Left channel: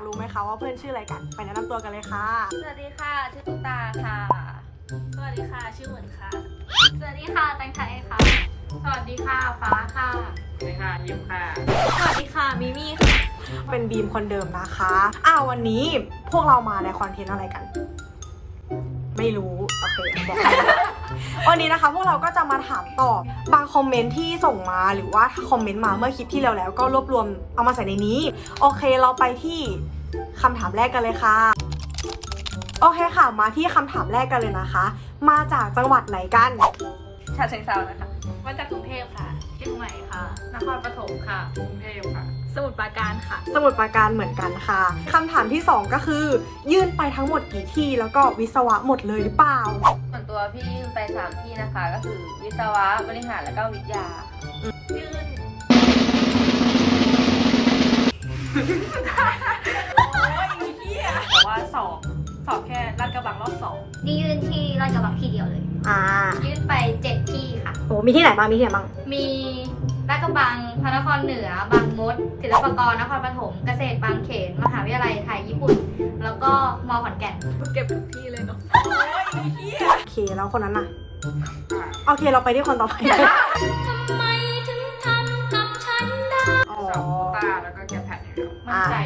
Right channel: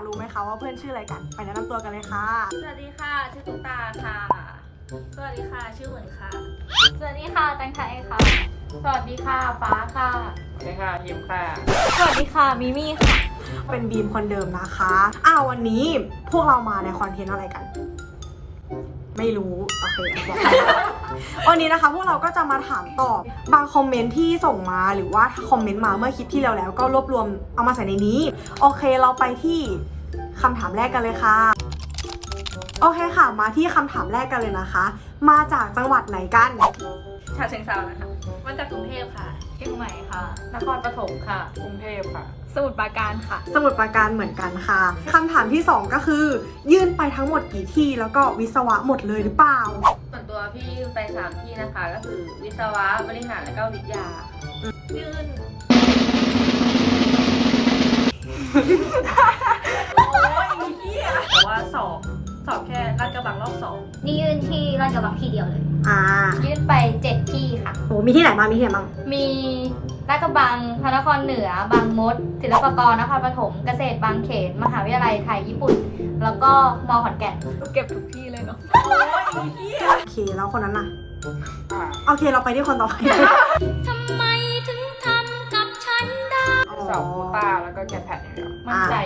ากรู้ไหมคะว่าเพื่อนชื่ออะไรกัน ไปแนะนำตัวกันเลยค่ะ สวัสดีค่ะชื่อตุ๊กตาค่ะ สวัสดีค่ะชื่อเหมือนค่ะ สวัสดีค่ะแตงไทยค่ะ สวัสดีค่ะฟ้าค่ะ สวัสดีค่ะยิ้มค่ะ สวัสดีค่ะมิมี่ค่ะ เป็นบีมคนเดิมนะคะ อ้าววันนี้พวกเรามาในคอนเทนต์อะไรกัน ไม่รู้โอเคบอก วันนี้นะคะ พวกเราก็จะมาถามตอบบางคอมเมนต์ที่ส่งมาหรือว่าถ้าคอมเมนต์มาเมื่อคลิปที่แล้วแล้วก็รวบรวมเอามาใส่ในนี้ โอเคเราไปที่คำถามแรกกันเลยค่ะ โอเคค่ะ มาที่คำถามแรกกันเลยนะคะ มาจากจังหวัดไหนกัน ชาเชิงเซานะคะมาจากกรุงเทพค่ะเชียงใหม่ค่ะ นครปฐมค่ะ กรุงเทพค่ะ สมุทรปราการค่ะ สมุดปราการเหมือนกันค่ะคำถามที่สองก็คือ ยื่นไปทั้งหมดกี่ที่แล้วก็วิศวะหมดเลยหรือเปล่า ส่วนตัวพี่ยื่นไปสามที่นะคะ ก็คือวิศวะบริหารและก็วิทยายื่นแต่ว่าสอบสอบแค่ลาดกระบังรอบสองนี่ยื่นที่ราชกระบังที่เดียวเลย อ่ายื่นไปเจ็ดที่ค่ะโหมีที่ไหนบ้างมีที่ไหนบ้างมีราชกระบังพระนครเหนือบางมดศิลปากรนครปฐมเกษตรบางเขนมหาวิทยาลัยไทยญี่ปุ่น แล้วก็มอขอนแก่นเก็บทุกที่เลยเนาะโอเคแล้วคนนั้นน่ะโอเคเราไปที่คนต่อไปอ๋อสอบตาแล้วก็แค่แพทอย่างเดียวมั่นใจ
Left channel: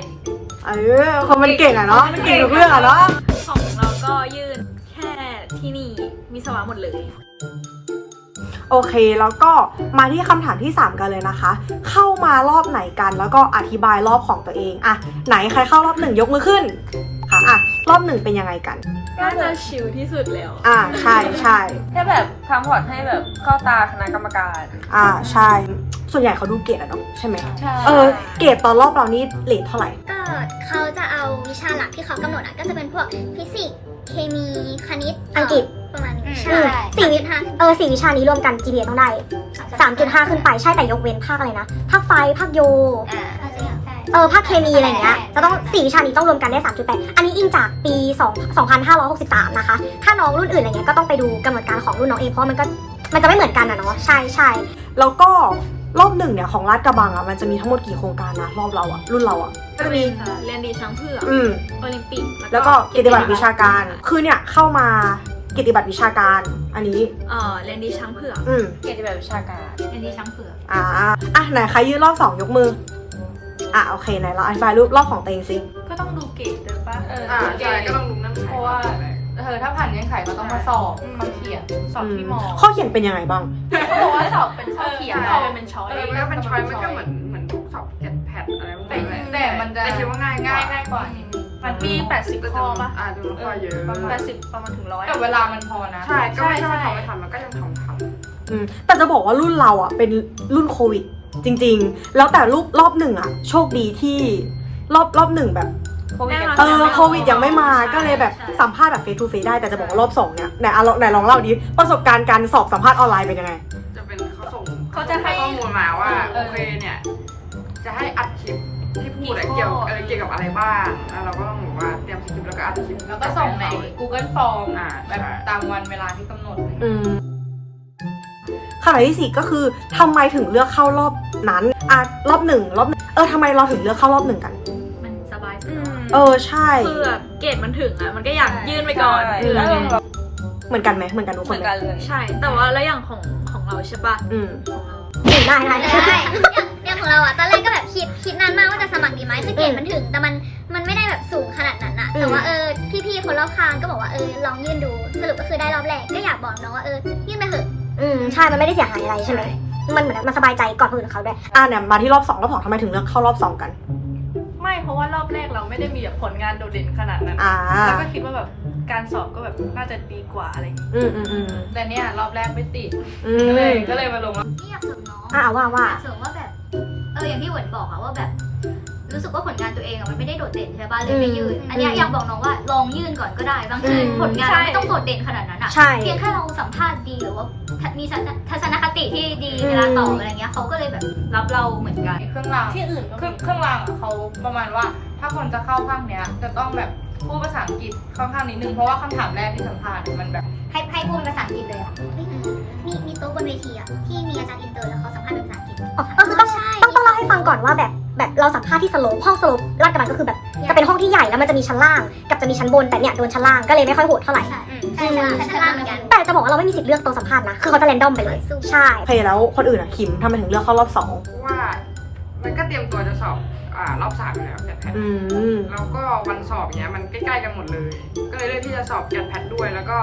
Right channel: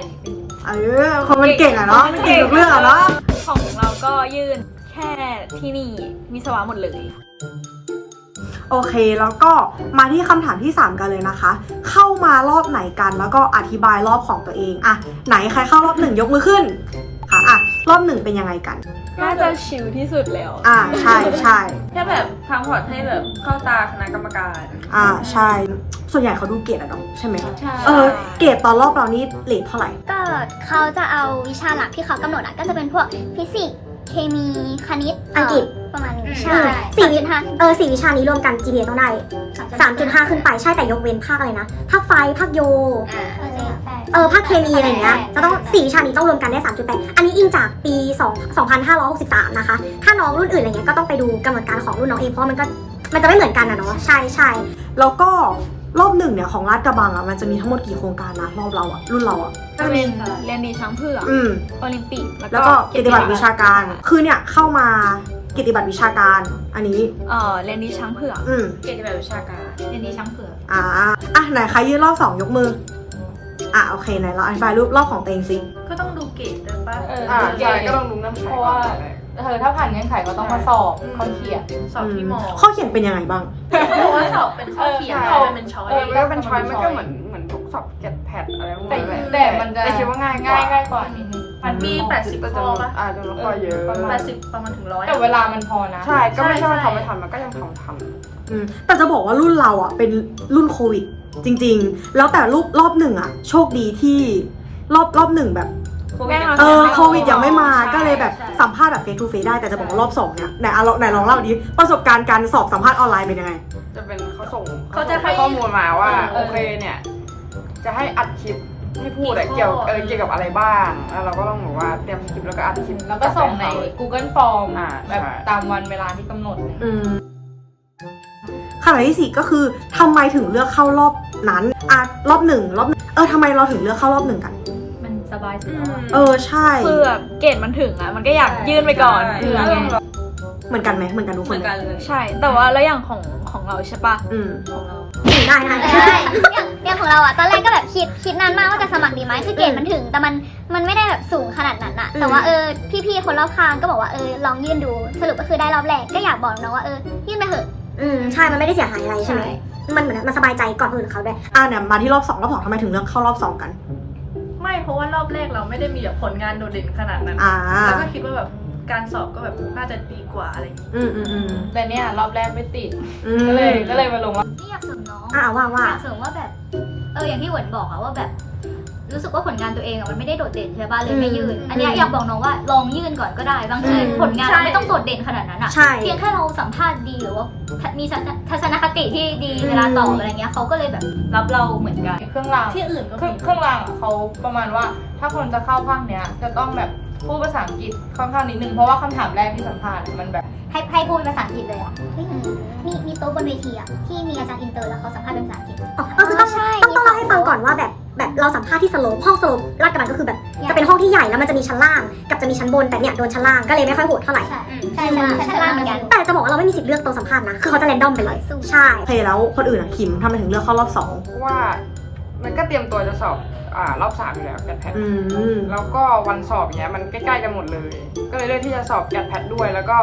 เออคนมันเก่งอะเนาะมันเก่งทุกเรื่องอะเนาะของเราก็ยื่นแค่ที่นี่ วิศวะหมดเลย โอเคแล้วก็มาที่คำถามที่ 3 กันเลยนะคะ เข้ามารอบไหนกันแล้วก็อธิบายรอบของตัวเองอะไหนใครเข้ารอบหนึ่งยกมือขึ้นค่ะอะรอบหนึ่งเป็นยังไงกันน่าจะชิลที่สุดแล้ว อ่าใช่ใช่แค่แบบทำพอร์ตให้แบบเข้าตาคณะกรรมการ อ่าใช่ ส่วนใหญ่เขาดูเกรดอะเนาะใช่ไหมใช่ เออเกรดตอนรอบเรานี่เลทเท่าไหร่ ก็เขาจะเอาวิชาหลักที่เขากำหนดอะก็จะเป็นพวกฟิสิกส์เคมีคณิตอังกฤษ ประมาณนี้อืใช่มสี่สี่วิวิชาเออสี่วิชานี้รวมกัน GPA ต้องได้3.5ขึ้นไปใช่แต่ยกเว้นภาคอะไรนะภาคไฟภาคโย เออภาคเคมีอะไรอย่างเงี้ยจะต้องสี่วิชานี้ต้องรวมกันได้3.8อันนี้อิงจากปี2 2563นะคะ ถ้าน้องรุ่นอื่นอะไรเงี้ยก็ต้องไปดูกำหนดการของรุ่นน้องเองเพราะว่ามันก็มันจะไม่เหมือนกันอะเนาะใช่ใช่แล้วก็รอบหนึ่งเนี่ยของลาดกระบังอะมันจะมีทั้งหมดกี่โครงการนะรอบเราอะรุ่นเราอะก็จะมีเรียนดีช้างเผือกอืมโอลิมปิก แล้วก็เกียรติบัตรวิชาการ คือเนี่ยเข้ามา เกียรติบัตรวิชาการ อันนี้ เอ่อเรียนดีช้างเผือกอืมเกียรติแบบวิชาการเรียนดีช้างเผือกอ่าอะไหนใครยื่นรอบสองยกมือ อะโอเคไหนเราอธิบายรูปรอบของตัวเองสิก็ต้องดูเกรดด้วยป่ะเอออ่าดูเกรใช่ดก็ต้องดูเงื่อนไขเพราะว่าเธอถ้าผ่านเงื่อนไขก็ต้องมาสอบข้อเขียนสอบที่มอข้อเขียนเป็นยังไงบ้างเพราะว่าสอบเป็นข้อเขียนแล้วเป็นเป็นช้อยเออก็เป็นช้อยมันก็เหมือนเหมือนทุกสอบเก็ตแพดอะไรพวกแต่นี้แต่มันจะแต่คิดว่าง่ายง่ายง่ายกว่า มันมี80ข้อป่ะอ่าจำนวนข้อเยอะ80ประมาณถึงร้อยแต่เวลามันพอนะ ใช่ก็ไม่ใช่ใช่ว่าเขาไม่ทำมันก็ยังทำทำอืมแต่จะบอกว่ารุ่นเราอะเป็นรุ่นโควิด จริง ๆ แล้วแต่รูปรอบหนึ่งอะ โชคดีที่รอบรอบหนึ่งแบบโควิดยังเออไม่โควิดยังไม่มาใช่ก็เลยแบบใช่สัมภาษณ์แบบเฟซทูเฟซได้แต่จะบอกว่ารอบสองเนี่ยไหนอะลองไหนลองเล่าดิประสบการณ์การสอบสัมภาษณ์ออนไลน์เป็นยังไง จะเป็นเขาส่งเขาจะให้ข้อมูลมาว่าเออโอเคเนี่ย จะให้อัดคลิป ที่พูดอะเกี่ยวเออเกี่ยวกับอะไรบ้างแล้วเราก็ต้องบอกว่าเตรียมสคริปต์แล้วก็อัดคลิปแล้วก็ส่งใน Google Form อ่าแบบใช่ตามวันเวลาที่กำหนด อืมคำถามที่สี่ก็คือทำไมถึงเลือกเข้ารอบนั้นอะรอบหนึ่งรอบเออทำไมเราถึงเลือกเข้ารอบหนึ่งกัน มันสบายสุดแล้วอะเออใช่คือแบบเกรดมันถึงอะมันก็อยากยื่นไปก่อนใช่เผื่อไงเหมือนกันไหมเหมือนกันทุกเหคมืนอนไหมกันเลยใช่ แต่ว่าแล้วอย่างของของเราใช่ปะอืมของเรา ได้ได้ได้ อย่างของเราอะ ตอนแรกก็แบบคิดคิดนานมากว่าจะสมัครดีไหมคือเกรดมันถึง แต่มันมันไม่ได้แบบสูงขนาดนั้นอะแต่ว่าเออพี่ๆคนรอบข้างก็บอกว่าเออลองยื่นดู สรุปก็คือได้รอบแรก ก็อยากบอกน้องว่าเออยื่นไปเถอะ อืมใช่ มันไม่ได้เสียหายอะไรใช่ไหม มันเหมือนมันสบายใจก่อนคนอื่นเขาด้วย อะเนี่ยมาที่รอบสองรอบสองทำไมถึงเลือกเข้ารอบสองกัน ไม่เพราะว่ารอบแรกเราไม่ได้มีแบบผลงานโดดเด่นขนาดนั้น อ่า แล้วก็คิดว่าแบบ การสอบก็แบบน่าจะดีกว่าอะไรอย่างงี้อืมอืมอืมแต่เนี่ยรอบแรกไม่ติดอืก็เลยมก็เลยมาลงว่านี่อยากเสริมน้องอ่าว่าว่า อยากเสริมว่าแบบ เอออย่างที่เหวินบอกอะว่าแบบ รู้สึกว่าผลงานตัวเองอะมันไม่ได้โดดเด่นใช่ป่ะเลยไม่ยื่น อืมอันเนี้ยอยากบอกน้องว่าลองยื่นก่อนก็ได้ บางทีอืม ผลงานใช่เราไม่ต้องโดดเด่นขนาดนั้นอะใช่ เพียงแค่เราสัมภาษณ์ดีหรือว่ามีทัศนคติที่ดีเวลาตอบอะไรเงี้ยเขาก็เลยแบบรับเราเหมือนกัน เครื่องรางที่อื่นก็เครื่มีองเครื่องรางอะเขาประมาณว่า ถ้าคนจะเข้าภาคเนี้ยจะต้องแบบ พูดภาษาอังกฤษค่อนข้างนิดนึงเพราะว่าคำถามแรกที่สัมภาษณ์เนี่ยมันแบบ ให้ให้พูดเป็นภาษาอังกฤษเลยอะมีมีโต๊ะบนเวทีอะที่มีอาจารย์อินเตอร์แล้วเขาสัมภาษณ์เป็นภาษาอังกฤษอ๋อก็คือต้องต้องต้องเล่าให้ฟังก่อนว่าแบบแบบเราสัมภาษณ์ที่สโลปห้องสโลปลาดกระบังก็คือแบบจะเป็นห้องที่ใหญ่แล้วมันจะมีชั้นล่าง กับจะมีชั้นบนแต่เนี่ยโดนชั้นล่างก็เลยไม่ค่อยโหดเท่าไหร่ใช่ใช่ชั้นล่างเหมือนกันแต่จะบอกว่าเราไม่มีสิทธิ์เลือกตัวสัมภาษณ์นะคือเขาจะแรนดอมไปเลยใช่โอเคแล้วคนอื่นอะคิมทำไมถึงเลือกเข้ารอบสองเพราะว่า มันก็เตรียมตัวจะสอบ อ่ารอบสามอยู่แล้วแกดแพทอืม แล้วก็วันสอบเนี้ยมันใกล้ๆกันหมดเลย ก็เลยเลือกที่จะสอบแกดแพทด้วย แล้วก็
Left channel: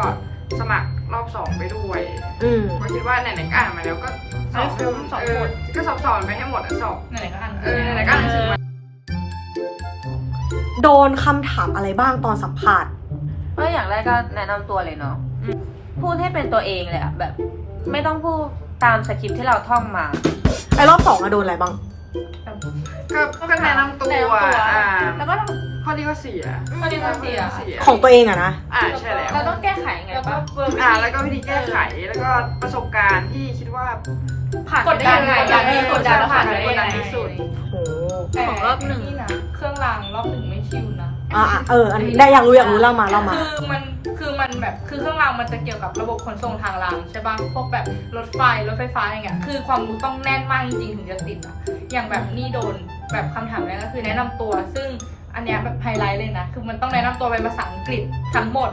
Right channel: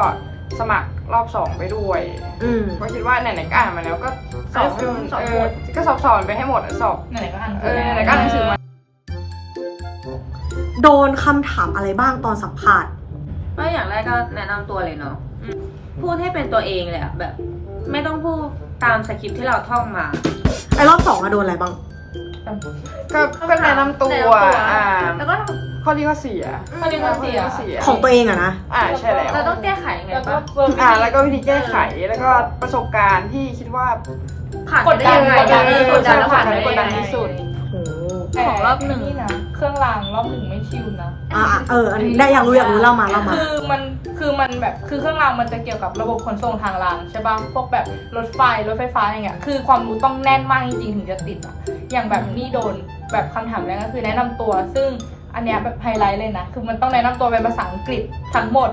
สมัครรอบสองไปด้วย อืมเพราะคิดว่าไหนๆก็อ่านมาแล้วก็สให้อบคุ้มสอบหมดเก็สอบสอนไปให้หมดอะสอบไหนๆก็อ่านเออไหนๆก็อ่านหนังสือมาโดนคำถามอะไรบ้างตอนสัมภาษณ์ ก็อย่างแรกก็แนะนำตัวเลยเนาะพูดให้เป็นตัวเองเลยอะแบบ ไม่ต้องพูดตามสคริปต์ที่เราท่องมา ไอ้รอบสองอะโดนอะไรบ้าง ก็ก็แนะนำตัวแนะนำตัว อ่าแล้วก็ข้อดีข้อเสียข้อดีข้อเสีย ของตัวเองอะนะ อ่าใช่แล้ว เราต้องแก้ไขไงแล้วก็ปะอ่าแล้วก็วิธีแก้ไขแล้วก็ประสบการณ์ที่คิดว่าผ่านไปได้ยังไงกดดันเออกดดันแล้วผ่านไปได้กยังดันไงที่สุดโอ้ของรอบหนึ่งนะเครื่องรางรอบหนึ่งไม่ชิวนะ อะอะเออ อันนี้ได้อยากรู้อยากรู้เล่ามาเล่ามา คือมันคือมันแบบคือเครื่องรางมันจะเกี่ยวกับระบบขนส่งทางรางใช่ป่ะพวกแบบรถไฟรถไฟฟ้าอย่างเงี้ยคือความรู้ต้องแน่นมากจริงๆถึงจะติดอะ อย่างแบบนี่โดนแบบคำถามแรกก็คือแนะนำตัว ซึ่งอันเนี้ยแบบไฮไลท์เลยนะ คือมันต้องแนะนำตัวเป็นภาษาอังกฤษทั้งหมด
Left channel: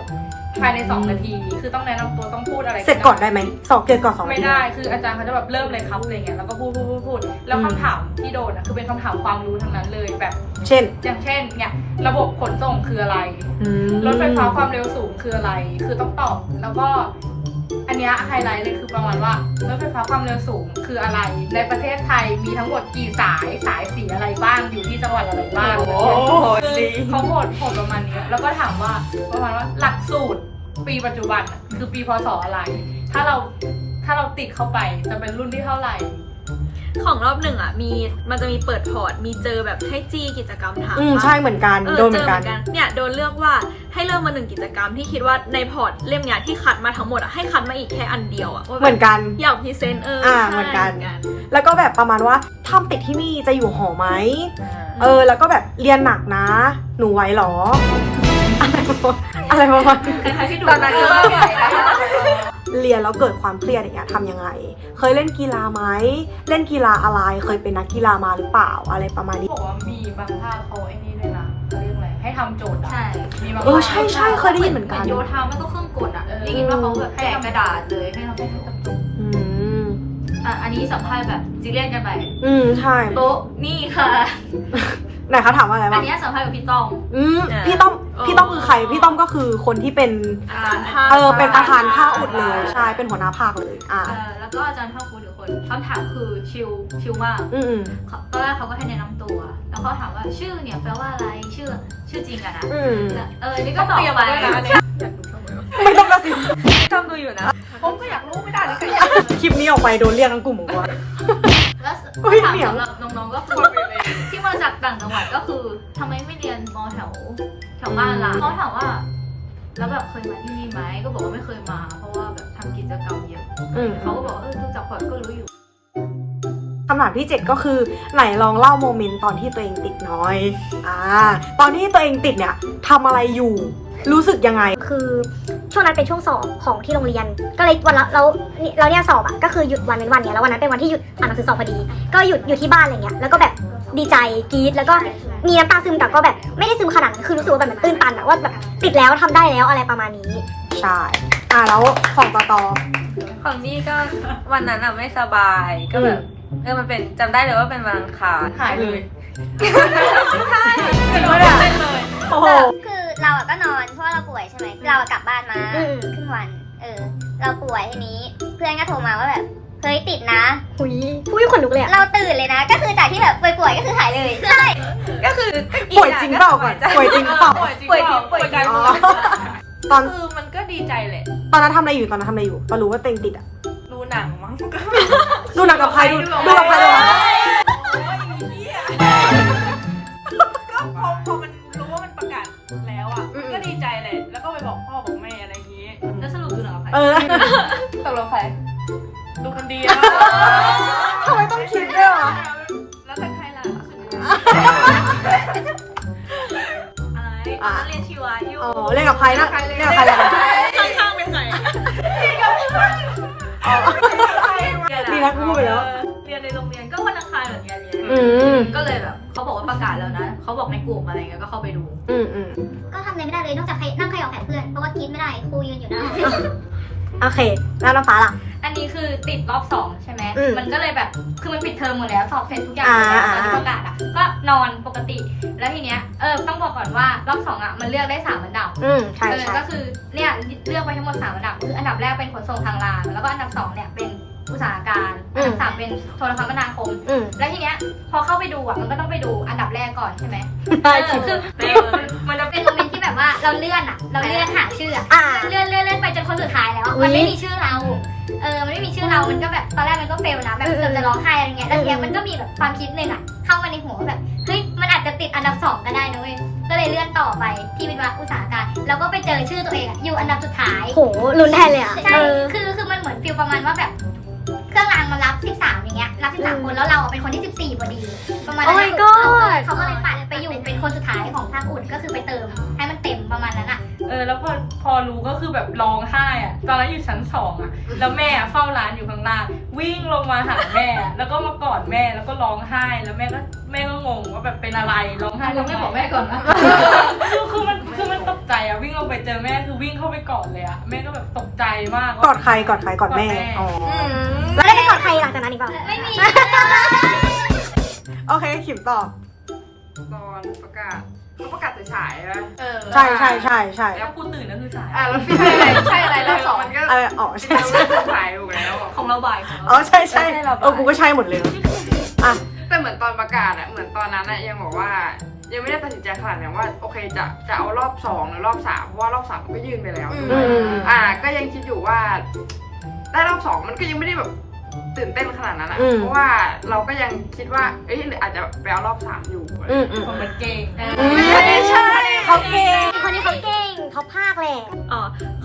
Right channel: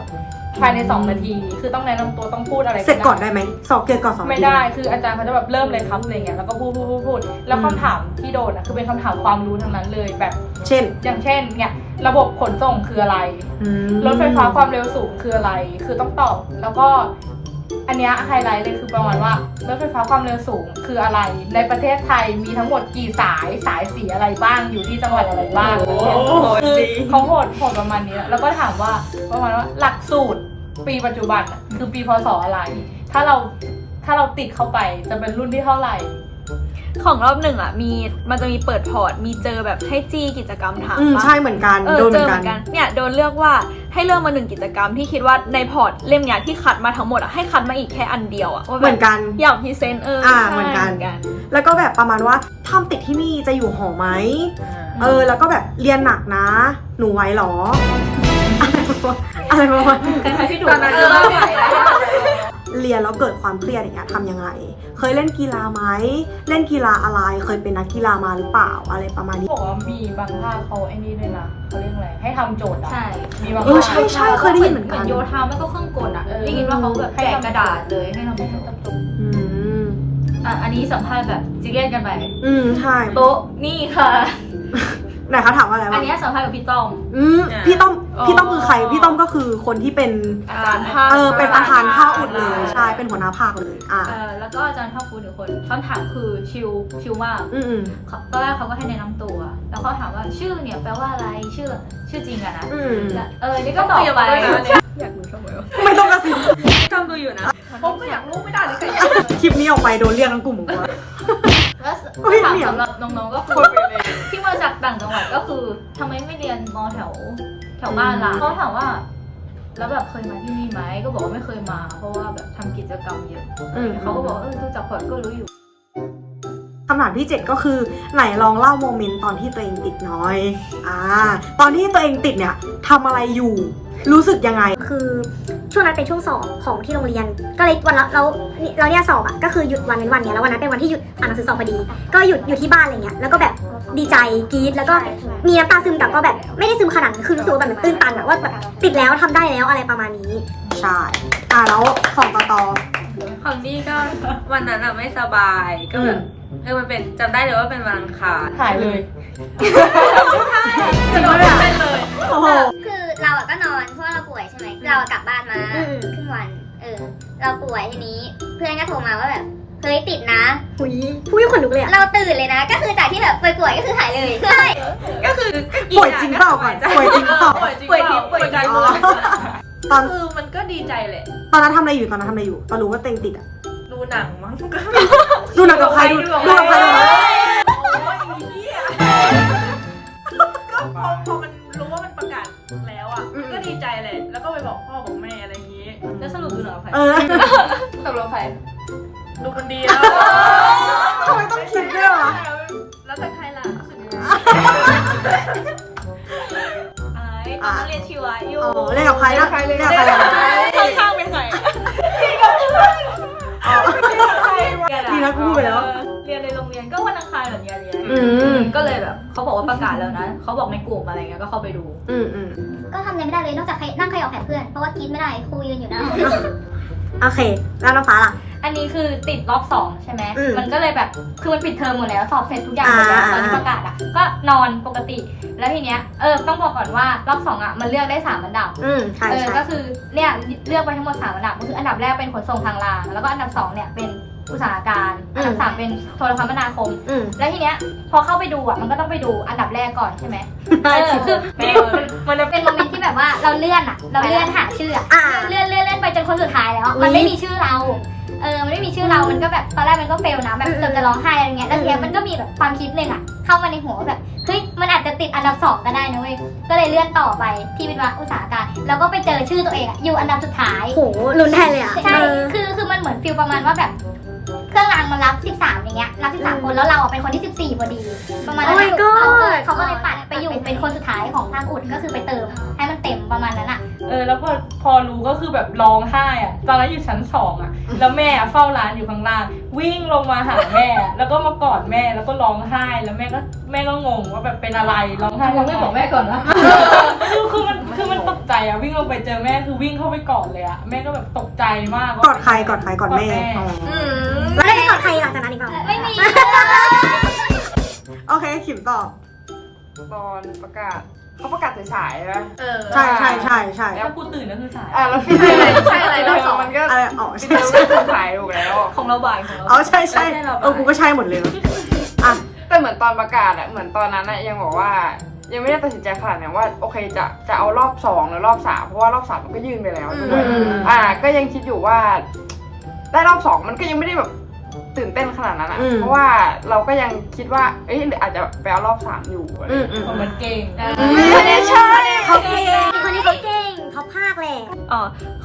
ภายในสองนาที คือต้องแนะนำตัวต้องพูดอะไรเสร็จก่อนได้ไหมสอบเกินก่อนสองนาไม่ทีได้คืออาจารย์เขาจะแบบเริ่มเลยครับอะไรเงี้ยแล้วก็พูดพูดพูดพูดแล้วคำถามที่โดนอะคือเป็นคำถามความรู้ทั้งนั้นเลยแบบ เช่น อย่างเช่นเนี่ยระบบขนส่งคืออะไรอืมรถไฟฟ้าความเร็วสูงคืออะไร คือต้องตอบแล้วก็ อันเนี้ยไฮไลท์เลยคือประมาณว่ารถไฟฟ้าความเร็วสูงคืออะไร ในประเทศไทยมีทั้งหมดกี่สายสายสีอะไรบ้างอยู่ที่จังหวัดอะไรบ้างคือเขาโหดโหดประมาณนี้แล้วก็ถามว่าประมาณว่าหลักสูตรปีปัจจุบันอะคือปีพศอะไร ถ้าเราถ้าเราติดเข้าไปจะเป็นรุ่นที่เท่าไหร่ ของรอบหนึ่งอะมีมันจะมีเปิดพอร์ตมีเจอแบบให้จี้กิจกรรมถามอืมปะ ใช่เหมือนกันเออโดนเหเจมืออนเหกัมืนอนกันเนี่ยโดนเลือกว่าให้เริ่มมาหนึ่งกิจกรรมที่คิดว่าในพอร์ตเล่มเนี้ยที่คัดมาทั้งหมดอะให้คัดมาอีกแค่อันเดียวอะว่าแบบเหมือนกัน อยากพรีเซนต์เอออ่าใช่เหมือนกัน แล้วก็แบบประมาณว่าทำติดที่นี่จะอยู่หอไหม เออ แล้วก็แบบเรียนหนักนะ หนูไหวเหรอ อะไรประมาณนี้คล้ายๆพี่ดูตอนนั้นเอคืออว่า เรียนแล้วเกิดความเครียดอย่างเงี้ยทำยังไง เคยเล่นกีฬาไหมเล่นกีฬาอะไร เคยเป็นนักกีฬามาหรือเปล่าอะไรประมาณนี้บอกว่ามีบางภาคเขาไอ้นี่ด้วยนะเขาเรียกอะไรให้ทำโจทย์อะใช่มีบางเออภาคใช่ใช่เคยได้ยินเหมือนกัน โยธาไม่ก็เครื่องกลอะเออได้ยินว่าเขาแบบแจกกระดาษเลยให้ทำเป็นกระจกอืมอะอันนี้สัมภาษณ์แบบซีเรียสกันไปอืมใช่โต๊ะนี่ค่ะ ไหนเขาถามว่าอะไรอับ้านงเนี้ยสัมภาษณ์กับพี่ต้อมอืมพี่ต้อม พี่ต้อมคือใคร พี่ต้อมก็คือคนที่เป็น อาจารย์ภาคเออ เป็นประธานภาคอุดเลย ใช่ เป็นหัวหน้าภาคเลย อ่า เออแล้วก็อาจารย์ภาคภูมิอีกคนคำถามคือชิลชิลมากอืมอืมเขาตอนแรกเขาก็ให้แนะนำตัว แล้วเขาถามว่าชื่อเนี่ยแปลว่าอะไร ชื่อชื่อจริงอะนะอืมแล้วเออ นี่ก็ตอบไปไม่ต้องกระซิบ จำดูอยู่นะ ผมก็อยากรู้ไม่ได้หรือไงคลิปนี้ออกไปโดนเรียกทั้งกลุ่มของว่า แล้วเฮ้ยคำถามเหนียว สำหรับน้องๆก็คือที่มาจากต่างจังหวัดก็คือทำไมไม่เรียนมอแถวแถวบ้านล่ะเขาถามว่า แล้วแบบเคยมาที่นี่ไหมก็บอกว่าไม่เคยมา เพราะว่าแบบทำกิจกรรมเยอะอืมเขาก็บอกว่าเออดูจากพอร์ตก็รู้อยู่ คำถามที่ 7 ก็คือไหนลองเล่าโมเมนต์ตอนที่ตัวเองติดหน้อยอ่าตอนที่ตัวเองติดเนี่ยทำอะไรอยู่ รู้สึกยังไง คือ ช่วงนั้นเป็นช่วงสอบของที่โรงเรียน ก็เลยวันละเราเราเนี่ยสอบอะก็คือหยุดวันเป็นวันเนี่ยแล้ววันนั้นเป็นวันที่หยุดอ่านหนังสือสอบพอดี ก็หยุดอยู่ที่บ้านอะไรเงี้ยแล้วก็แบบดีใจกรี๊ดแล้วก็มีน้ำตาซึมแต่ก็แบบไม่ได้ซึมขนาดนั้นคือรู้สึกว่าแบบมันตื้นตันอะว่าแบบติดแล้วทำได้แล้วอะไรประมาณนี้ ใช่อ่าแล้วของต่อต่อของนี่ก็วันนั้นอะไม่สบายก็แบบเออมันเป็นจำได้เลยว่าเป็นวันอังคารถ่ายเลยจริงปะเนี่ยโอ้โหคือ เราอะก็นอนเพราะว่าเราป่วยใช่ไหมเราอะกลับบ้านมาอืมครึ่งวัน เออ เราป่วยทีนี้ เพื่อนก็โทรมาว่าแบบเฮ้ยติดนะ หุยพูดขนลุกเลยอะ เราตื่นเลยนะ ก็คือจากที่แบบป่วยๆก็คือหายเลยใช่ก็คือป่วยจริงเปล่าก่อนป่วยจริงเปล่า ป่วยจริงเปล่าป่วยกันอ๋อตอนคือมันก็ดีใจแหละ ตอนนั้นทำอะไรอยู่ตอนนั้นทำอะไรอยู่ตอนรู้ว่าตัวเองติดอะดูหนังมั้งก็ดูหนังกับใครดูดูกับใครดูนะ ไปบอกพ่อบอกแม่อะไรอย่างงี้แล้วสรุปดูหนังกับใครเออตกลงใครดูคนเดียวทำไมต้องคิดด้วยวะแล้วแต่ใครล่ะอะไรตอนนั้นเรียนชีวะอยู่อ๋อเล่นกับใครนะเล่นกับใครนะข้างๆเป็นใครดีนะกูพูดไปแล้วเออเรียนในโรงเรียนก็วันอังคารเหมือนกันเรียนอืมก็เลยแบบ เขาบอกว่าประกาศแล้วนะเขาบอกในกลุ่มอะไรเงี้ยก็เข้าไปดู อืมอืมก็ทำอะไรไม่ได้เลยนอกจากใครนั่งใครออกแขนเพื่อน เพราะว่ากินไม่ได้ครูยืนอยู่หน้าห้องโอเค แล้วน้ำฟ้าล่ะ อันนี้คือติดรอบสองใช่ไหมอืมมันก็เลยแบบคือมันปิดเทอมหมดแล้วสอบเสร็จทุกอย่างหมดแล้วอ่าตอนประกาศอะก็นอนปกติ แล้วทีเนี้ยเออต้องบอกก่อนว่ารอบสองอะมันเลือกได้สามอันดับ อืมใช่เออใช่ก็คือเนี่ยเลือกไปทั้งหมดสามอันดับก็คืออันดับแรกเป็นขนส่งทางราง แล้วก็อันดับสองเนี่ยเป็น อุตสาหการอันดับสามเป็นโทรคมนาคม อืม แล้วทีเนี้ยพอเข้าไปดูอะมันก็ต้องไปดูอันดับแรกก่อนใช่ไหมได้เอคิอดคือมันจะเป็นโมเมนต์ที่แบบว่าเราเลื่อนอะเราเลื่อนหาชื่ออะอ่า เลื่อนเลื่อนเลื่อนไปจนคนสุดท้ายแล้ว อุ๊ยมันไม่มีชื่อเรา เออ มันไม่มีชื่อเรา มันก็แบบตอนแรกมันก็เฟลนะ แบบเกือบจะร้องไห้อะไรเงี้ย แล้วทีเนี้ยมันก็มีแบบความคิดหนึ่งอะเข้ามาในหัวว่าแบบ เฮ้ย มันอาจจะติดอันดับสองก็ได้นะเว้ย ก็เลยเลื่อนต่อไปที่วิทยาอุตสาหการ แล้วก็ไปเจอชื่อตัวเองอะอยู่อันดับสุดท้าย โหลุ้นแทนเลยอะ ใช่ เออ คือ คือมันเหมือนฟิลประมาณว่าแบบ เครื่องรางมันรับ 13 อย่างเงี้ย รับ 13 คนแล้วเราอะเป็นคนที่ 14พอดีประมาณนั้น Oh my god เขาก็เลยปัดไปอยู่เป็นคนสุดท้ายของภาคอุ่นก็คือไปเติม ให้มันเต็มประมาณนั้นอะเออแล้วพอพอรู้ก็คือแบบร้องไห้อะตอนนั้นอยู่ชั้นสองอะแล้วแม่อะเฝ้าร้านอยู่ข้างล่าง วิ่งลงมาหาแม่ แล้วก็มากอดแม่แล้วก็ร้องไห้แล้วแม่ก็แม่ก็งงว่าแบบเป็นอะไรร้องไห้มึงไม่บอกแม่ก่อนวะคือคือมันคือมันตก ใจอะวิ่งลงไปเจอแม่คือวิ่งเข้าไปกอดเลยอะแม่ก็แบบตกใจมากกอดใครกอดใครกอดแม่อ๋ออแล้วได้ไปกอดใครหลังจากนั้นอีกเปล่าไม่มีโอเคขิมต่อตอนประกาศเขาประกาศสายๆนะเออใช่ใช่ใช่ใช่แล้วกูตื่นนั่นคือสายอะแล้วใช่อะไรใช่อะไรรอบสองมันก็อะไรอ๋อใช่ใช่สายอยู่แล้วของเราบ่ายของเราอ๋อใช่ใช่เออกูก็ใช่หมดเลยอะแต่เหมือนตอนประกาศอะเหมือนตอนนั้นอะยังบอกว่า ยังไม่ได้ตัดสินใจขนาดนั้นว่าโอเคจะจะเอารอบสองหรือรอบสามเพราะว่ารอบสามมันก็ยื่นไปแล้วอืม อ่า ก็ยังคิดอยู่ว่าได้รอบสองมันก็ยังไม่ได้แบบตื่นเต้นขนาดนั้นอะอืมเพราะว่าเราก็ยังคิดว่าเอ้ยอาจจะไปเอารอบสามอยู่อืมอืมคนมันเก่ง คะแนนชอบคะแนนเขาเก่งคนนี้เขาเก่งท็อปภาคแหละ อ๋อ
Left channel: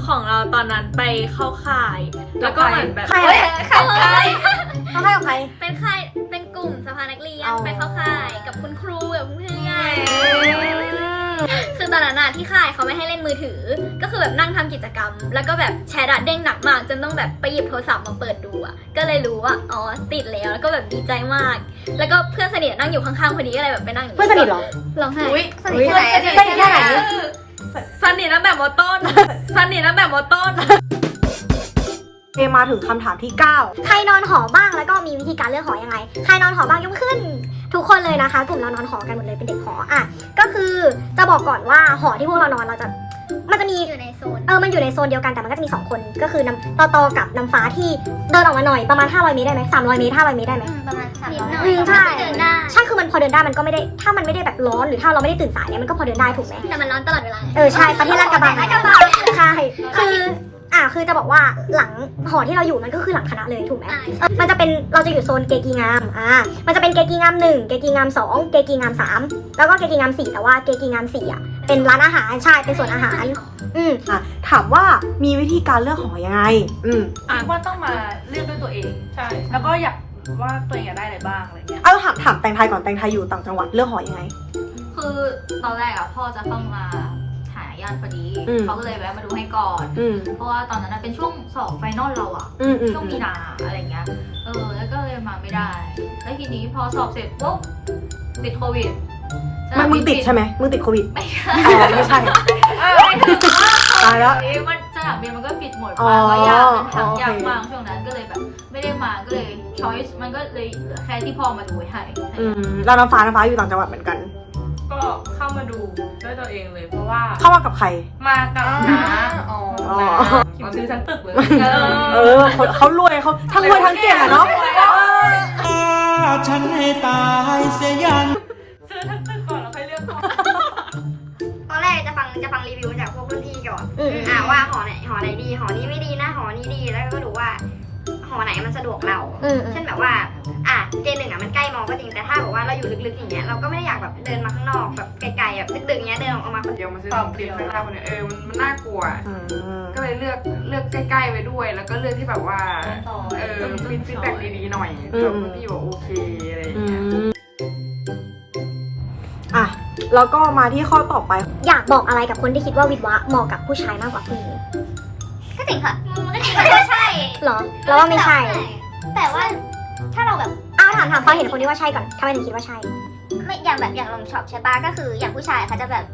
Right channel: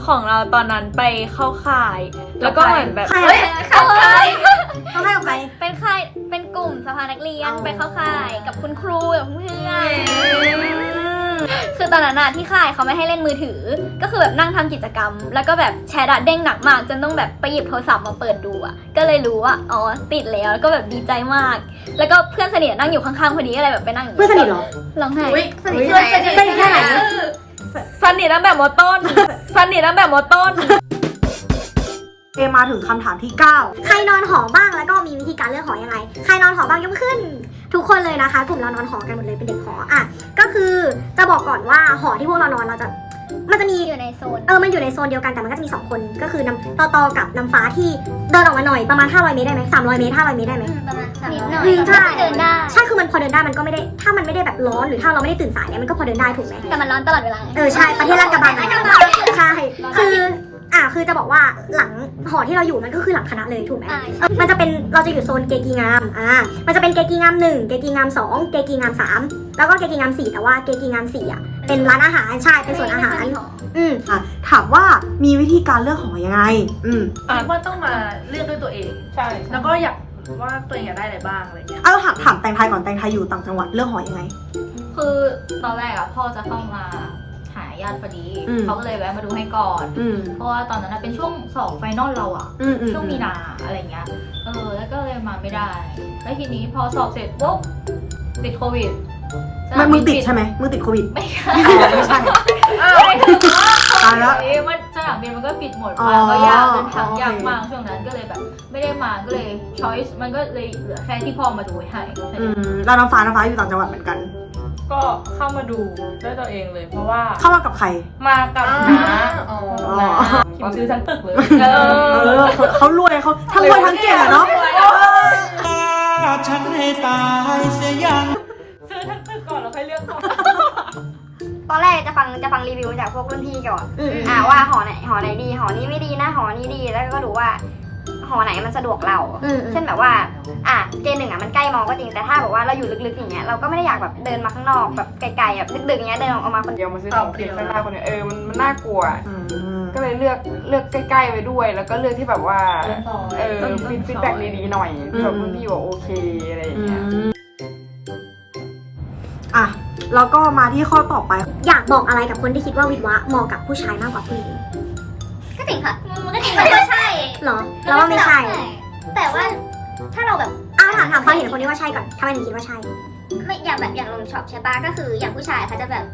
ของเราตอนนั้นไปเข้าค่าย แล้วก็เหมือนแบบใครเฮ้ยอะเข้าค่ายเขาให้กับใคร เป็นค่าย เป็นก ลุ่มสภานักเรียนอ๋อไปเข้าค่ายกับคุณครูกับเพื่อนคือตอนนั้นอะที่ค่ายเขาไม่ให้เล่นมือถือ ก็คือแบบนั่งทำกิจกรรม แล้วก็แบบแชร์ดัดเด้งหนักมาก จนต้องแบบไปหยิบโทรศัพท์มาเปิดดูอะก็เลยรู้ว่าอ๋อติดแล้วแล้วก็แบบดีใจมาก แล้วก็เพื่อนสนิทนั่งอยู่ข้างๆพอดีก็เลยแบบไปนั่งยู่เพื่อนสนิทเหรอร้องไห้อุ้ยสนิทเพื่อนสนิทสนิทแค่ไหนสนิทตั้งแต่มอต้นสนิทตั้งแต่มอต้น เอมาถึงคำถามที่ 9 ใครนอนหอบ้างแล้วก็มีวิธีการเลือกหอยังไง ใครนอนหอบ้างยกมือขึ้น ทุกคนเลยนะคะ กลุ่มเรานอนหอกันหมดเลยเป็นเด็กหออะก็คือจะบอกก่อนว่าหอที่พวกเรานอนเราจะมันจะมีอยู่ในโซน เออ มันอยู่ในโซนเดียวกันแต่มันก็จะมี 2 คน ก็คือน้ำตอตอกับน้ำฟ้าที่เดินออกมาหน่อยประมาณ 500 เมตรได้ไหม300 เมตร 500 เมตรได้ไหม ประมาณสามร้อยอืมใช่ เดินได้ ใช่ คือมันพอเดินได้มันก็ไม่ได้ ถ้ามันไม่ได้แบบร้อนหรือถ้าเราไม่ได้ตื่นสายเนี่ยมันก็พอเดินได้ถูกไหม แต่มันร้อนตลอดเวลาเออ ใช่ ประเทศลาดกระบังลาอะดกระบังใช่ คือ อะคือจะบอกว่าหลังหอที่เราอยู่มันก็คือหลังคณะเลยถูกไหมใช่เออมันจะเป็นเราจะอยู่โซนเกกีงามอ่ามันจะเป็นเกกีงามหนึ่งเกกีงามสองเกกีงามสามแล้วก็เกกีงามสี่แต่ว่าเกกีงามสี่อะเป็นร้านอาหารใช่เป็นส่วนอาหาร อืมอะถามว่ามีวิธีการเลือกหอยังไง อืมคิดว่าต้องมาเลือกด้วยตัวเองใช่แล้วก็อยากว่าตัวเองอยากได้อะไรบ้างอะไรเงี้ยเอาถามถามแตงไทยก่อนแตงไทยอยู่ต่างจังหวัดเลือกหอยังไง คือตอนแรกอะพ่อจะเข้ามาหา ญาติพอดี อืม เขาก็เลยแวะมาดูให้ก่อน อืม เพราะว่าตอนนั้นอะเป็นช่วงสอบไฟนอลเราอะอืมอืมช่วงมีนาอะไรเงี้ย เออ แล้วก็เลยมาไม่ได้ แล้วทีนี้พอสอบเสร็จปุ๊บติดโควิดมันมึงติดใช่ไหมมึงติดโควิดไม่ใช่ อ๋อไม่ใช่ตายแล้วมันสนามบินมันก็ปิดหมดอ๋อมาก็ยากเป็นทางโอเคยากมากช่วงนั้นก็เลยแบบ ไม่ได้มาก็เลยช้อยส์มันก็เลยเหลือแค่ที่พ่อมาดูให้อืมแล้วน้ำฟ้าน้ำฟ้าอยู่ต่างจังหวัดเหมือนกัน ก็เข้ามาดูด้วยตัวเองเลย เพราะว่าเข้ามากับใคร มากับน้าอ๋ออ๋อคิมซื้อทั้งตึกเลยเออเออเขาเขารวยเขาทั้งรวยทั้งเก่งอะเนาะฉันให้ตายเสียยัง ซื้อทั้งตึกก่อนแล้วค่อยเลือกหอตอนแรกจะฟังจะฟังรีวิวจากพวกรุ่นพี่ก่อน อืม อ่าว่าหอไหนหอไหนดีหอนี้ไม่ดีนะหอนี้ดีแล้วก็ดูว่าห ออไหนมันสะดวกเรา อืมอืม เช่นแบบว่า อะเจนหนึ่งอะมันใกล้มอก็จริง แต่ถ้าแบบว่าเราอยู่ลึกๆอย่างเงี้ย เราก็ไม่ได้อยากแบบเดินมาข้างนอกแบบไกลๆแบบดึกๆอย่างเงี้ยเดินออกมาคนเดียว เดียวมาซื้อเปล่าเปลี่ยวซื้อคนเนี่ยเออมันมันน่ากลัวอืมก็เลยเลือกเลือกใกล้ๆไว้ด้วย แล้วก็เลือกที่แบบว่า เออฟีดแบ็กดีๆหน่อยแบบที่บอกโอเคอะไรอย่างอืเงี้ยมอะ แล้วก็มาที่ข้อต่อไป อยากบอกอะไรกับคนที่คิดว่าวิทย์วะเหมาะกับผู้ชายมากกว่าผู้หญิง ก็จริงค่ะ หรอเราว่าไม่ใช่แต่ว่าถ้าเราแบบอ้าวถามถามความเห็นคนที่ว่าใช่ก่อนทำไมถึงคิดว่าใช่ไม่อย่างแบบอย่างลมช็อปใช่ปะก็คืออย่างผู้ชายเขาจะแบบ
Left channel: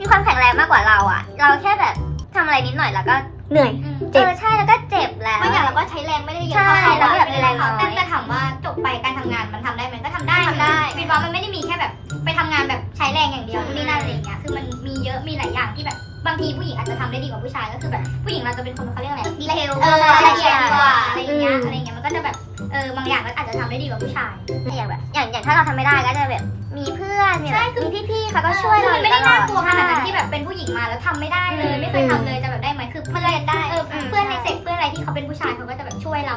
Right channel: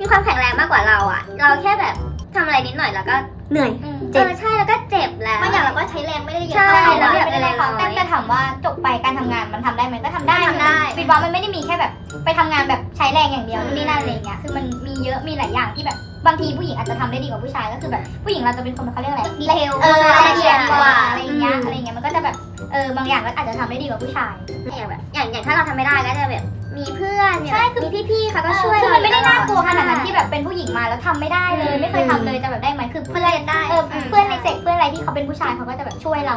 มีความแข็งแรงมากกว่าเราอะ เราแค่แบบทำอะไรนิดหน่อยแล้วก็เหนื่อยเจ็บใช่แล้วก็เจ็บแล้วบางอย่างเราก็ใช้แรงไม่ได้เยอะใช่เท่าเขาแล้วอะแบบเวแรลางเขาน้อยแต่จะถามว่าจบไปการทำงานมันทำได้ไหมก็ทำได้ทำได้ฟีดบ็อกมันไม่ได้มีแค่แบบ ไปทำงานแบบใช้แรงอย่างเดียวนู่นนี่นั่นอะไรอย่างเงี้ยคือมันมีเยอะมีหลายอย่างที่แบบ บางทีผู้หญิงอาจจะทำได้ดีกว่าผู้ชายก็คือแบบผู้หญิงเราจะเป็นคนเขาเรียกอะไรดีเทลเออรายละเอียดกว่าอือะไรอย่างเงี้ยมอะไรอย่างเงี้ยมันก็จะแบบเออบางอย่างก็อาจจะทำได้ดีกว่าผู้ชาย อย่างแบบอย่างอย่างถ้าเราทำไม่ได้ก็จะแบบมีเพื่อนมีแบบมีพี่ๆเขาก็ช่วยคือเรามันไม่ได้น่ากลัวขนาดนั้นใช่ที่แบบเป็นผู้หญิงมาแล้วทำไม่ได้เลย ไม่เคยทำเลยจะแบบได้ไหมคือมันเรียนได้เออเพื่อนในเซกเพื่อนอะไรที่เขาเป็นผู้ชายเขาก็จะแบบช่วยเรา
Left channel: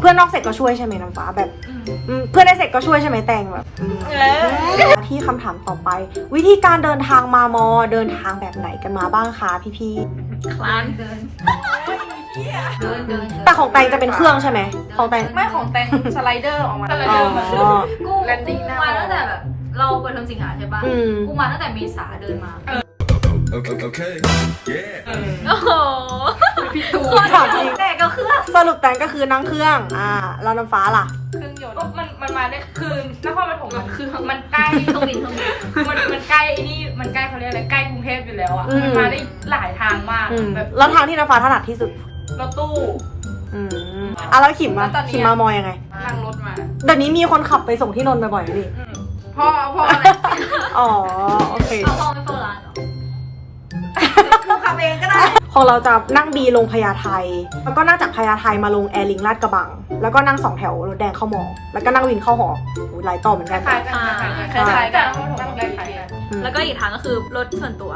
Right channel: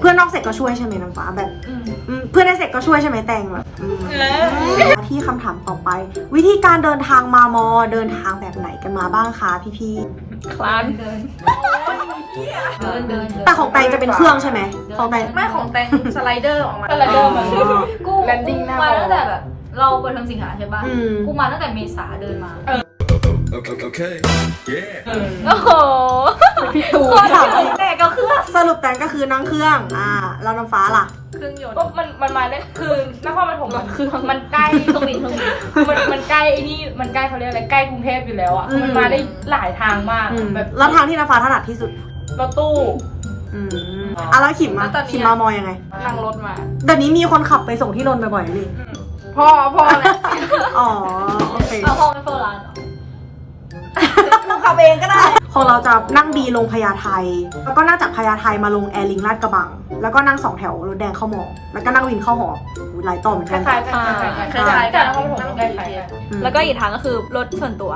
เพื่อนนอกเสร็จก็ช่วยใช่ไหมน้ำฟ้าแบบอืมเพื่อนในเสร็จก็ช่วยใช่ไหมแตงแบบอืม ที่คำถามต่อไป วิธีการเดินทางมามอเดินทางแบบไหนกันมาบ้างคะพี่คลานเดินเดินเดินๆแต่ของแตงจะเป็นเครื่องใช่ไหมของแตงไม่ของแตงสไลเดอร์ออกมาแต่ละอ๋เดินอกูแลนดิ้งหน้า มาตั้งแต่แบบ เราเปิดเทอมสิงหาใช่ปะอืม กูมาตั้งแต่เมษาเดินมา Okay, okay. Yeah. โอ้โหโคตรถามจริง แต่ก็คือสรุปแตงก็คือนั่งเครื่อง อ่าแล้วน้ำฟ้าล่ะ เครื่องยนต์ ก็มันมันมาได้คือนครปฐมมันคือมันใกล้เครื่องบินเครื่องบินมันมันใกล้ไอ้นี่มันใกล้เขาเรียกอะไรใกล้กรุงเทพอยู่แล้วอะอืม มันมาได้หลายทางมากอืมแบบแล้วทางที่น้ำฟ้าถนัดที่สุด รถตู้ อืมอะแล้วขิมมาแล้วตอนนี้ ขิมมามอยังไง นั่งรถมา เดี๋ยวนี้มีคนขับไปส่งที่นนท์บ่อยๆนะนี่ พ่อพ่ออ๋อ โอเค เอาพ่อไม่เฝ้าร้านเหรอ ขับเองก็ได้ของเราจะนั่งบีลงพญาไทแล้วก็นั่งจากพญาไทมาลงแอร์ลิงลาดกระบัง แล้วก็นั่งสองแถวรถแดงเข้ามอแล้วก็นั่งวินเข้าหออุ๊ยหลายต่อเหมือนคกันล้ายๆกัน คล้ายๆกันนครปฐมนั่งใกล้ BTS ๆอืมแล้วก็อีกทางก็คือรถส่วนตัว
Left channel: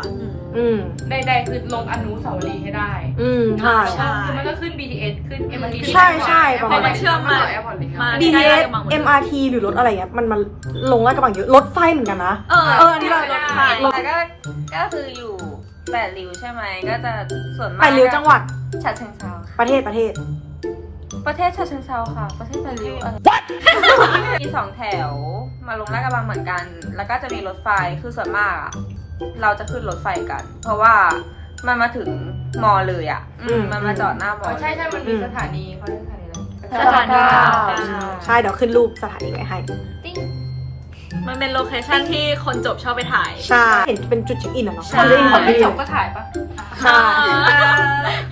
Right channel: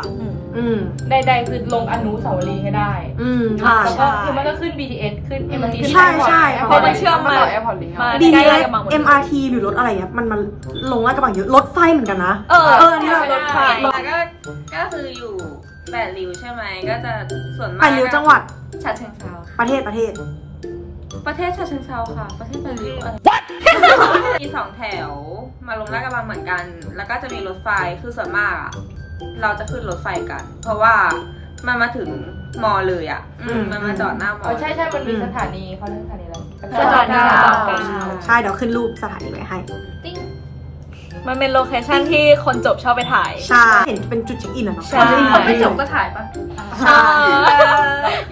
อืมใดๆคือลงอนุสาวรีย์ให้ได้ อืมใช่แล้วก็คือมันก็ขึ้น BTS ขึ้น MRT ใช่ใช่ประเพมาราะณมันเชื่อมมาแอร์พอร์ตลิงก์มา DTS ใกล้ๆกับางหมดเลย MRT หรือรถอะไรเงี้ยมันมันลงลาดกระบังเยอะรถไฟเหมือนกันนะ เออเอออันนี้เรารถไฟแล้วก็ก็คืออยู่แปดริ้วใช่ไหมก็จะส่วนมากไปริ้วจังหวัดฉะเชิงเทราประเทศประเทศ ประเทศฉะเชิงเทราค่ะ ประเทศแปดริ้วอะไรมีสองแถวมาลงลาดกระบังเหมือนกัน แล้วก็จะมีรถไฟคือส่วนมากอะเราจะขึ้นรถไฟกัน เพราะว่ามันมาถึงมอเลยอะ อืม มันมาจอดหน้ามเอออใช่ใช่มันมีสถานีเขาเรียกสถานีอะไรสถานีใช่เดี๋ยวขึ้นรูปสถานีไว้ให้ มันเป็นโลเคชั่นที่คนจบชอบไปถ่ายใช่เห็นเป็นจุดเช็คอินอะเนาะใช่ คนจะอินคนไม่จบก็ถ่ายปะใช่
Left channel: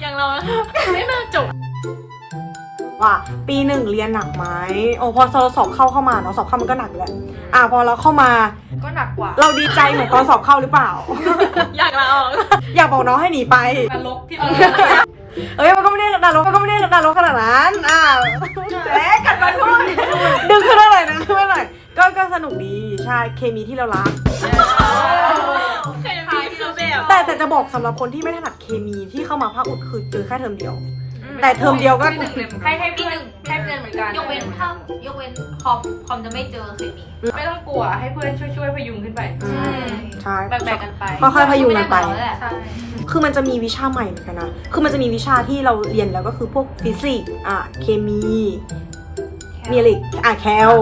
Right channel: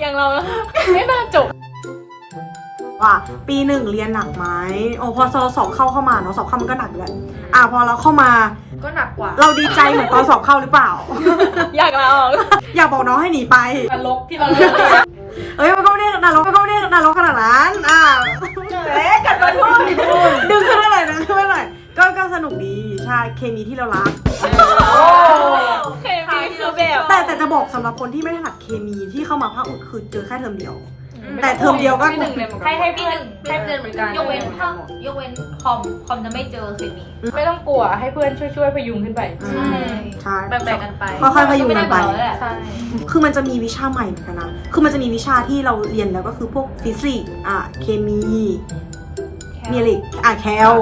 อย่างเรา ไม่น่าจบ ว่าปีหนึ่งเรียนหนักไหมโอ้พอเราสอบเข้าเข้ามาเนาะสอบเข้ามันก็หนักอยู่แหละอะพอเราเข้ามาก็หนักกว่าเราดีใจเหมือนตอนสอบเข้าหรือเปล่า อยากลาออก อยากบอกน้องให้หนีไป นรกที่เราเอ้ยมันก็ไม่ได้นรกมันก็ไม่ได้นรกขนาดนั้นอ่า เอ๊ะกัดฟันพูดดึงขึ้นมาหน่อยดึงขึ้นมาหน่อย ก็ก็สนุกดีใช่เคมีที่เรารัก เคมีคือแบบแต่แต่จะบอกสำหรับคนที่ไม่ถนัดเคมีที่เข้ามาภาคอุดคือเจอแค่เทอมเดียว แต่เทอมเดียวก็ ให้ให้ปีเพื่อนหนึ่งให้เดือนเหมือนกันยกเว้นภาคยกเว้นคอมคอมจะไม่เจอเคมีไม่ต้องกลัวให้เพื่อนช่วยช่วยๆพยุงขึ้นไป อืม ใช่ แบ่งๆกันไปค่อยๆพยุงกันไป ม่ด้เหมือเราแหละใช่คือมันจะมีวิชาใหม่เหมือนกันนะ คือมันจะมีวิชาที่เราเรียนแล้วก็คือพวกฟิสิกส์อะเคมี มีอะไรอีกอะแคล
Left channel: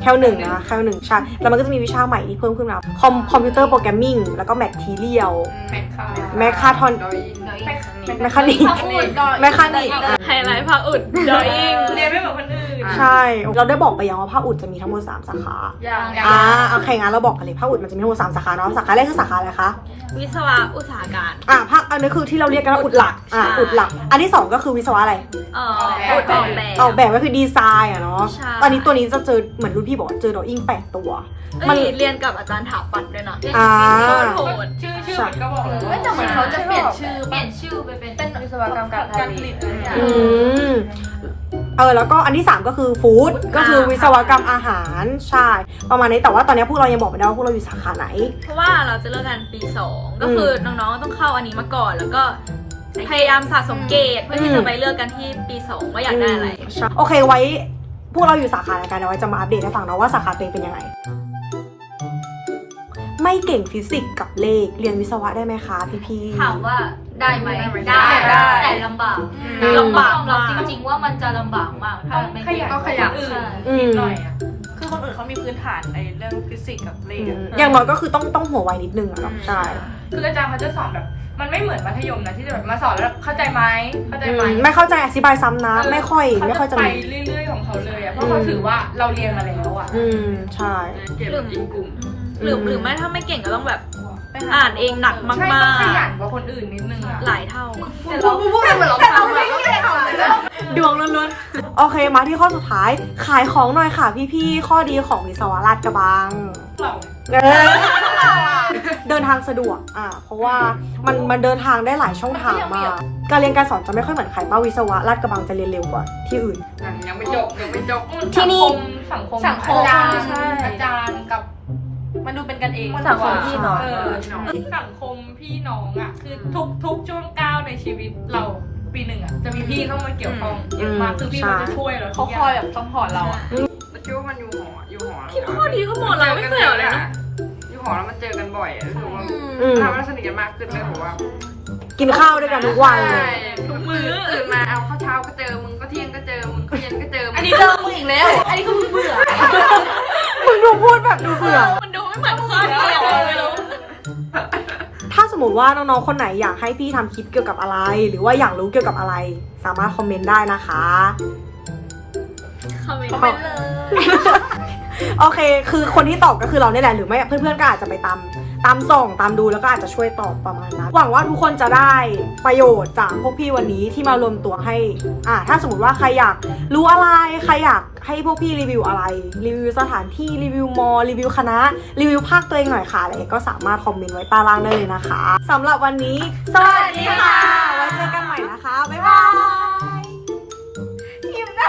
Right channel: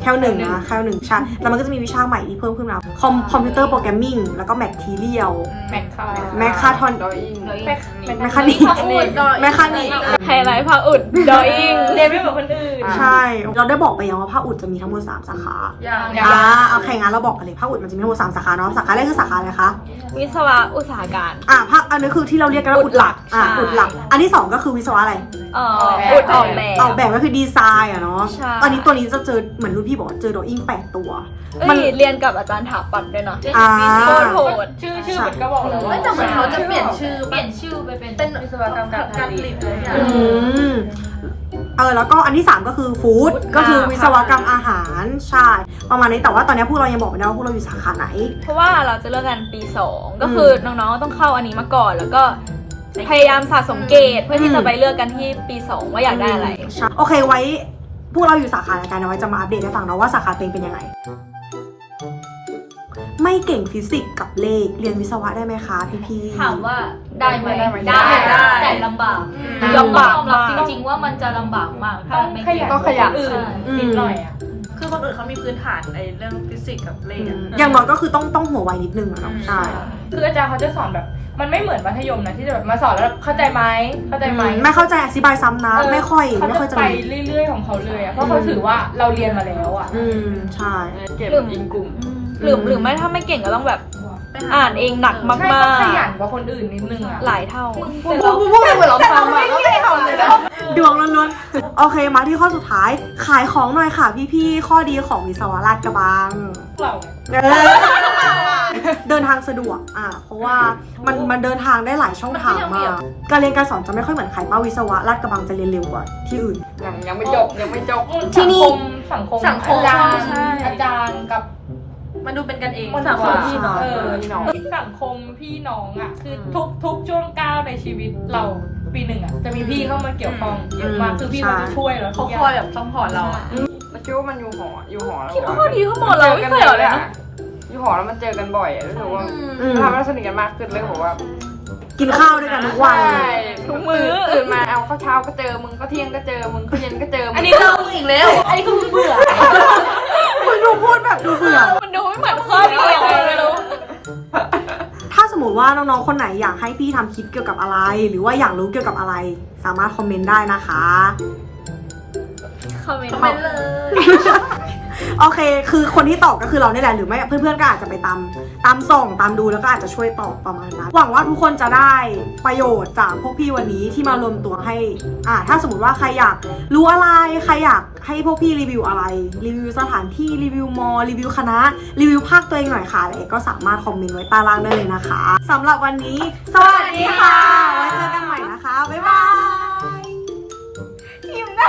แคลหนึ่งนะแคลหนึ่งใช่แล้วมันก็จะมีวิชาใหม่ที่เพิ่มขึ้นมาคอมคอมพิวเตอร์โปรแกรมมิ่งแล้วก็แมททีเรียล แม็กคาแมคคาทอนดอยอิงเดี๋ยวอีกแมคคานิก ภาคอุดดอยแมคคานิกอะไฮไลท์ภาคอุดดออิงเรียนไม่เหมือนคนอื่นใช่ เราได้บอกไปยังว่าภาคอุดจะมีทั้งหมด3สาขาอย่าง อ่าโอเคงั้นเราบอกกันเลยภาคอุดมันจะมีทั้งหมด3สาขาเนาะสาขาแรกคือสาขาอะไรคะวิศวะอุตสาหการ อ่าภาคอันนี้คือที่เราเรียกกันว่าอุดหลักอ่าใช่อุดหลัก อันที่สองก็คือวิศวะอะไรเอ่ออุดออกแบบ ออกแบบก็คือดีไซน์อะเนาะใช่ ตอนนี้ตัวนี้จะเจอเหมือนรุ่นพี่บอกว่าเจอดออิ่งแปดตัวเอ้มันยเรียนกับอาจารย์ถาปัดด้วยนะอ่าโคตรโหดชื่อชื่อมันก็บอกแล้วว่า ไม่แต่เหมือนเขาจะเปลี่ยนชื่อเปลี่ยนชื่อไปเป็นเป็นวิศวกรรมการผการผลิลิตตอะไรอย่างอืมเออแล้วก็อันที่ 3 ก็คือฟู้ดก็คือวิศวกรรมอาหารใช่ประมาณนี้แต่ว่าตอนนี้พวกเรายังบอกไม่ได้ว่าพวกเราอยู่สาขาไหน เพราะว่าเราจะเลิกกันปี 2 ก็คือน้องๆต้องเข้าอันนี้มาก่อน แล้วก็พยายามสะสมเกรดเพื่อที่จะไปเลือกกันที่ปี 2 ว่าอยากได้อะไร ใช่โอเคไว้ พวกเราอยู่สาขาอะไรกันเอาไว้จะมาอัปเดตให้ฟังเนาะว่าสาขาตัวเองเป็นยังไง ไม่เก่งฟิสิกส์กับเลขเรียนวิศวะได้ไหมคะพี่พี่ๆ ถามว่าได้ไหมได้ได้ได้แต่ลำบากอืมยอมรับจริง ๆ ว่ามันจะลำบากมากถ้าไม่เก่งก็ขยันอื่นใช่อืมหน่อยอะคือคนอื่นเขามีพื้นฐานในเรื่องฟิสิกส์กับเลขอะ อย่างน้อยก็คือต้องต้องหัวไวนิดนึงอะเนาะใช่ คืออาจารย์เขาจะสอนแบบ มันไม่เหมือนมัธยมนะที่จะแบบมาสอนแล้วเข้าใจไหมเข้าใจไหมไม่เข้าใจอธิบายซ้ำนะเไม่ค่อยเขาไม่ค่อยจะไปมีเรื่อยๆของเขาเลยอะเพราะเขาถือว่าเราเรียนมาแล้วอะอืม ใช่เก็บอีกกลุ่มหรือหรือไม่ถ้าไม่เก่งก็ต้องแบบ อ่านเองหนักมากใช่ต้องขยันกว่าคนอื่นนิดนึงอะๆหลายเท่าแต่เราแต่เหมือนเราทำอะดวงล้วนๆโอเคมาที่ข้อสุดท้าย ขายของหน่อยค่ะ พี่ๆข้อดีของวิศวะราชกระบังเราเออเดินทางสะดวก อะเพราะว่ามันมันเดินทางได้หลายช่องทางมากการเรียนการสอนจะไม่ค่อยเหมือนใครป้าวิศวะราชกระบังจะเรียนเร็วกว่าที่อื่นยังยังไม่จบยังไม่จบที่นี่สังคมสังคมอาจารย์ใช่อาจารย์กับ มันดูเป็นกันเองคนสังคมกว่าพี่น้องเออพี่น้องสังคมพี่น้องอะ คือทุกทุกช่วงก้าวในชีวิตเราปีหนึ่งอะ จะมีพี่เข้ามาเกี่ยวข้องเยอะมากอืมคือพี่ใช่เขาจะช่วยเราเขาคอยแบบซัพพอร์ตเราอะแล้วคิดว่ามันอยู่หออยู่หอแล้วคิดว่าข้อดีข้อหมดเราไม่เคยเหรอเลยเนาะอยู่หอแล้วมันเจอกันบ่อยอะรู้สึกว่าอืม ทำให้เราสนิทกันมากขึ้นเลยผมว่ากินข้าวด้วยกันทุกวันเลยทุกมื้อตื่นมาเอาข้าวเช้าก็เจอมึงก็เที่ยงก็เจอมึงก็เย็นก็เจอมึงอันนี้เจอมึงอีกแล้ว อันนี้คือมึงเบื่อ มึงดูพูดแบบดูเบื่อ มันดูไม่เหมือนข้อดีอะไม่รู้ถ้าสมมติว่าน้องๆ คนไหนอยากให้พี่ทำคลิปเกี่ยวกับอะไร หรือว่าอยากรู้เกี่ยวกับอะไร สามารถคอมเมนต์ได้นะคะ คอมเมนต์คอมเมนต์เลย โอเค คือคนที่ตอบก็คือเราเนี่ยแหละ หรือไม่เพื่อนๆก็อาจจะไปตามตามส่องตามดูแล้วก็อาจจะช่วยตอบประมาณนั้น หวังว่าทุกคนจะได้ประโยชน์จากพวกพี่วันนี้ที่มารวมตัวให้ อ่า ถ้าสมมติว่าใครอยากรู้อะไร ใครอยากให้พวกพี่รีวิวอะไร รีวิวสถานที่ รีวิวมอ รีวิวคณะ รีวิวภาคตัวเองหน่อยค่ะ อะไรก็สามารถคอมเมนต์ไว้ใต้ล่างได้เลยนะคะสำหรับวันนี้ สวัสดีค่ะ ไว้เจอกันใหม่นะคะ บ๊ายบายทีมได้